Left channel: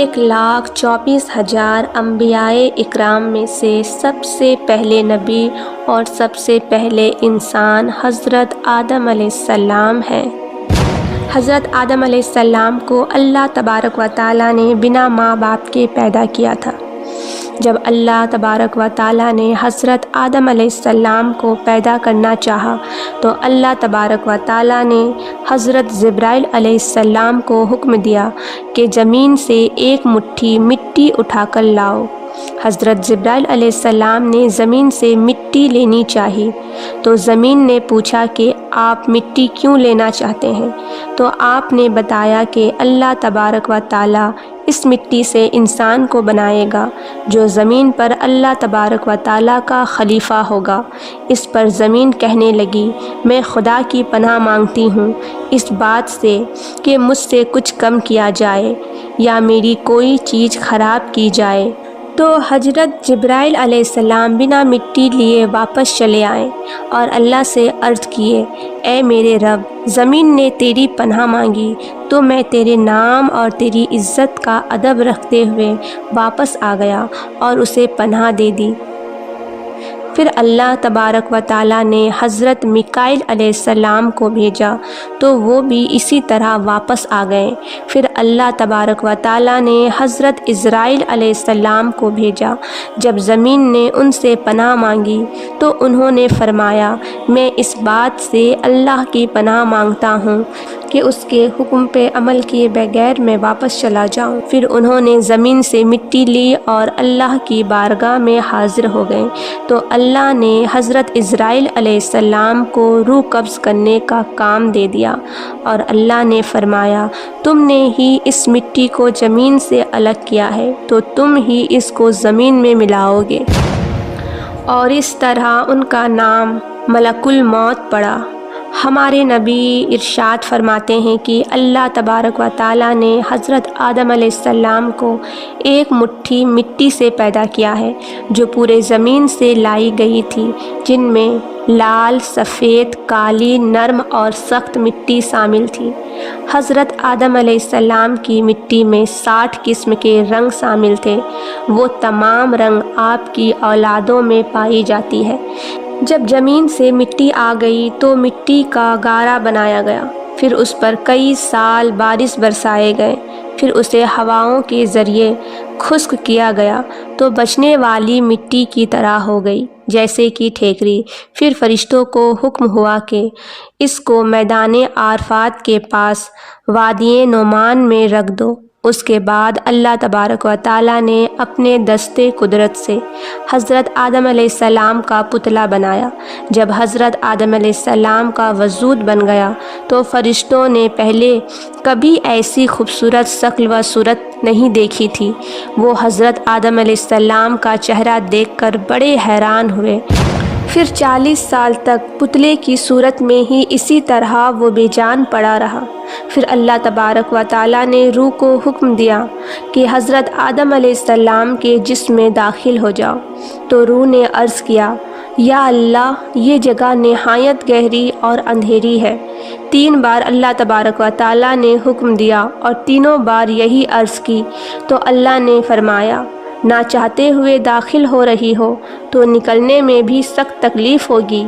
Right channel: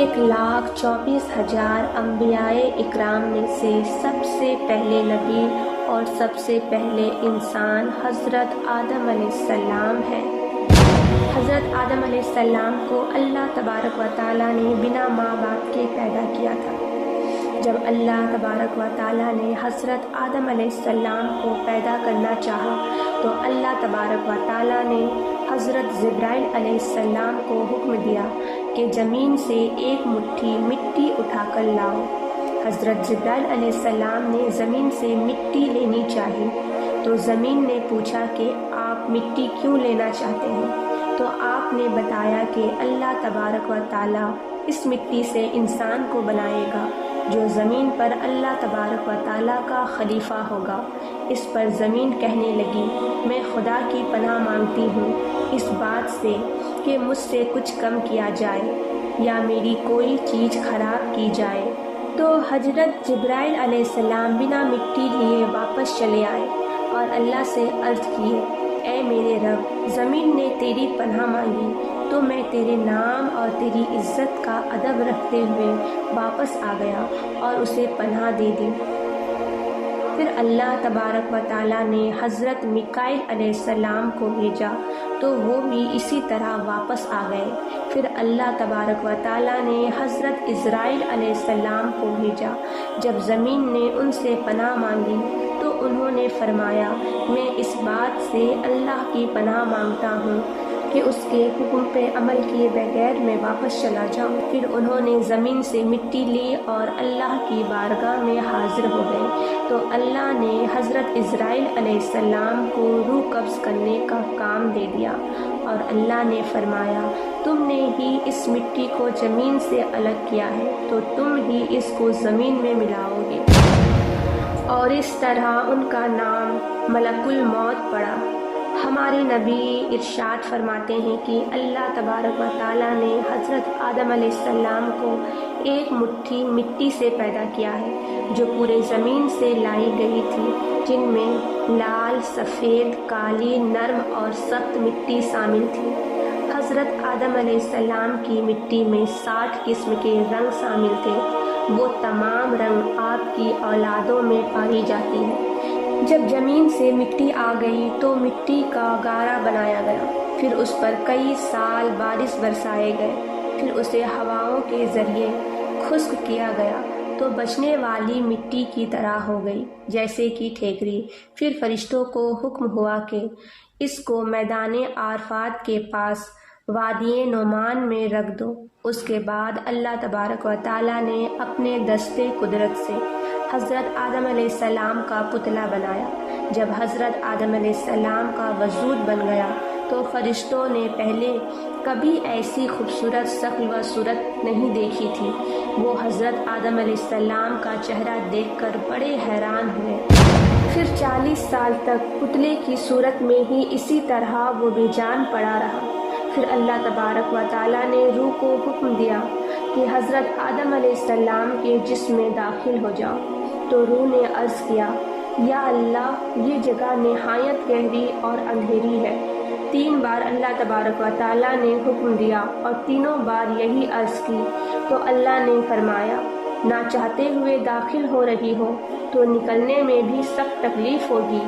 1,24,000 انبیائے اکرام میں سے سب سے پہلے نبی اور سب سے پہلے انسان حضرت آدم علیہ السلام ہیں۔ حضرت آدم علیہ السلام کو اللہ تبارک و تعالیٰ نے بنا ماں باپ کے پیدا کیا تھا۔ جب اللہ تبارک و تعالیٰ نے حضرت آدم علیہ السلام کو پیدا کرنا چاہا تو اللہ تبارک و تعالیٰ نے حضرت جبرائیل علیہ السلام کو حکم دیا کہ زمین سے ایک مٹھی مٹی اٹھا کر لاؤ۔ حضرت جبرائیل علیہ السلام نے زمین سے مٹی لینی چاہی تو زمین نے پوچھا کہ آپ مٹی کیوں لینا چاہتے ہیں؟ تو آپ نے بتایا کہ اللہ تبارک و تعالیٰ اس مٹی سے انسان کو بنائے گا جو زمین پر اللہ تبارک و تعالیٰ کا خلیفہ ہوگا۔ اس پر زمین کہنے لگی میں خدا کی پناہ مانگتی ہوں اس بات سے کہ مجھ سے کچھ کم کیا جائے یا میری کوئی چیز خراب کی جائے۔ تو حضرت جبرائیل علیہ السلام بنا مٹی لیے واپس چلے آئے اور اللہ سے عرض کیے اے میرے رب، زمین نے تیری پناہ مانگی تو میں تیرے نام اور تیری عزت کا ادب رکھتے ہوئے واپس آ گیا اور اسے پناہ دے دی۔ پھر اللہ تبارک و تعالیٰ نے حضرت میکائیل علیہ السلام کو بھیجا تو وہ بھی اسی طرح واپس آ گئے۔ پھر اللہ تبارک و تعالیٰ نے حضرت عزرائیل علیہ السلام کو بھیجا۔ جب زمین نے ان سے پناہ مانگی تو انہوں نے فرمایا میں اس بات سے اللہ کی پناہ مانگتا ہوں کہ اس کے حکم پہ عمل کیے بغیر میں واپس چلا جاؤں۔ پھر انہوں نے زمین سے مٹی لی اور اللہ کی بارگاہ میں حاضر ہو گئے تو اللہ نے حضرت عزرائیل علیہ السلام کو روح قبض کرنے کا کام دے دیا اور اللہ نے فرمایا تم نے ہی اس مٹی کو زمین سے الگ کیا ہے تو تم ہی اس کو زمین میں ملاؤ گے۔ اور اس طرح ان کا نام ملک الموت پڑا۔ ہمارے نبی ارشاد فرماتے ہیں کہ اللہ تبارک و تعالیٰ نے حضرت آدم علیہ السلام کو ایک مٹھی مٹی سے پیدا کیا ہے جو پورے زمین سے لائی گئی تھی، جن میں لال، سفید، کالی، نرم اور سخت مٹی شامل تھی۔ حضرت آدم علیہ السلام کی مٹی میں 60 قسم کے رنگ شامل تھے۔ وہ تمام رنگ آپ کی اولادوں میں پائی جاتی ہے۔ جب زمین سے مٹی آ گئی تو مٹی کا گارا بنایا گیا، پھر اس پر کئی سال بارش برسائے گئے، پھر اسے ہواؤں کے ذریعے خشک کیا گیا تو بچنے والی مٹی کی طرح ہو گئی جیسے کہ ٹھیکری۔ پھر فرشتوں کو حکم ہوا کہ اس کو میدان عرفات کے پاس وادی نعمان میں رکھ دو۔ اس کے بعد اللہ تبارک و تعالیٰ نے اپنے دستے قدرت سے حضرت آدم علیہ السلام کا پتلا بنایا۔ جب حضرت آدم علیہ السلام کا وجود بن گیا تو فرشتوں نے پہلے کبھی ایسی خوبصورت شکل و صورت نہیں دیکھی تھی۔ وہ حضرت آدم علیہ السلام کا چہرہ دیکھ کر بڑے حیران ہوئے۔ پھر 40 سال تک پتلے کی صورت میں ہی اسی طرح وہ بے جان پڑا رہا۔ پھر اللہ تبارک و تعالیٰ نے روح کو حکم دیا کہ حضرت آدم علیہ السلام کے جسم میں داخل ہو جاؤ تو روح نے عرض کیا یا اللہ یہ جگہ نہایت گہری اور اندھیری ہے۔ 3 بار اللہ تبارک و تعالیٰ نے حکم دیا اور تینوں بار یہی عرض کی تو اللہ نے فرمایا نہ چاہتے ہوئے داخل ہو رہی ہو تو نکلنے میں بھی سخت تکلیف ہوگی۔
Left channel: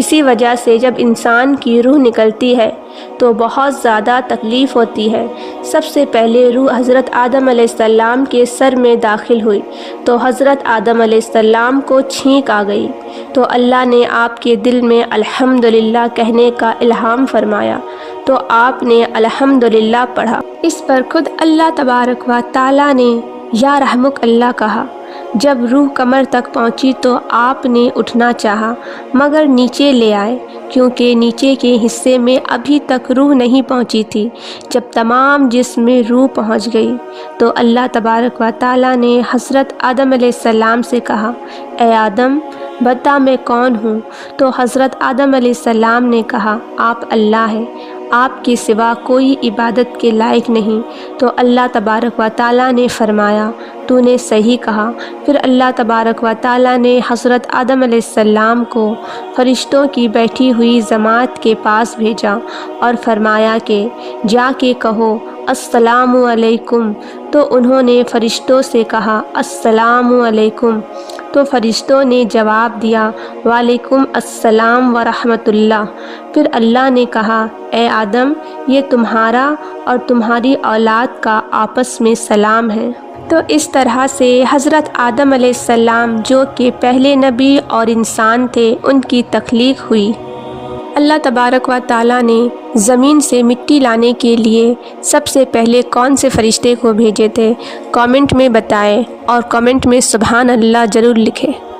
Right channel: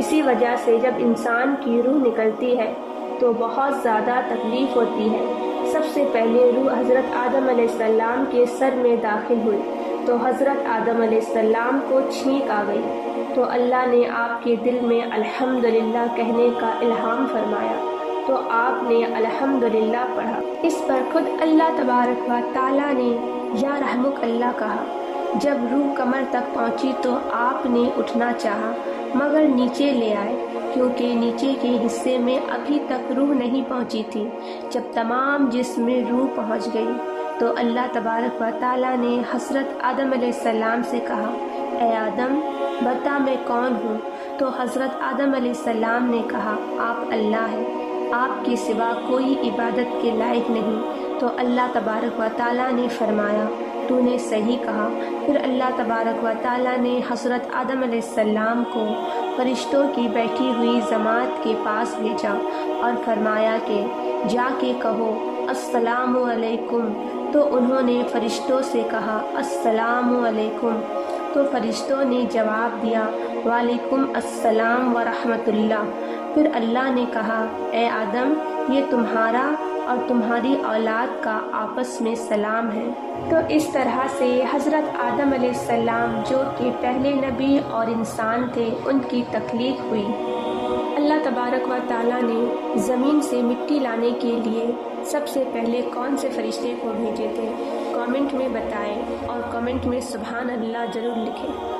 اسی وجہ سے جب انسان کی روح نکلتی ہے تو بہت زیادہ تکلیف ہوتی ہے۔ سب سے پہلے روح حضرت آدم علیہ السلام کے سر میں داخل ہوئی تو حضرت آدم علیہ السلام کو چھینک آ گئی تو اللہ نے آپ کے دل میں الحمدللہ کہنے کا الہام فرمایا تو آپ نے الحمدللہ پڑھا۔ اس پر خود اللہ تبارک و تعالیٰ نے یا رحمک اللہ کہا۔ جب روح کمر تک پہنچی تو آپ نے اٹھنا چاہا مگر نیچے لے آئے کیونکہ نیچے کے حصے میں ابھی تک روح نہیں پہنچی تھی۔ جب تمام جسم میں روح پہنچ گئی تو اللہ تبارک و تعالیٰ نے حضرت آدم علیہ السلام سے کہا اے آدم بتا میں کون ہوں؟ تو حضرت آدم علیہ السلام نے کہا آپ اللہ ہیں، آپ کے سوا کوئی عبادت کے لائق نہیں۔ تو اللہ تبارک و تعالیٰ نے فرمایا تو نے صحیح کہا۔ پھر اللہ تبارک و تعالیٰ نے حضرت آدم علیہ السلام کو فرشتوں کی بیٹھی ہوئی جماعت کے پاس بھیجا اور فرمایا کہ جا کے کہو السلام علیکم، تو انہوں نے فرشتوں سے کہا السلام علیکم، تو فرشتوں نے جواب دیا وعلیکم السلام ورحمۃ اللہ۔ پھر اللہ نے کہا اے آدم، یہ تمہارا اور تمہاری اولاد کا آپس میں سلام ہے۔ تو اس طرح سے حضرت آدم علیہ السلام جو کہ پہلے نبی اور انسان تھے، ان کی تخلیق ہوئی۔ اللہ تبارک و تعالیٰ نے زمین سے مٹی لانے کے لیے سب سے پہلے کون سے فرشتے کو بھیجے تھے؟ کامنٹ میں بتائیں اور کامنٹ میں سبحان اللہ ضرور لکھیں۔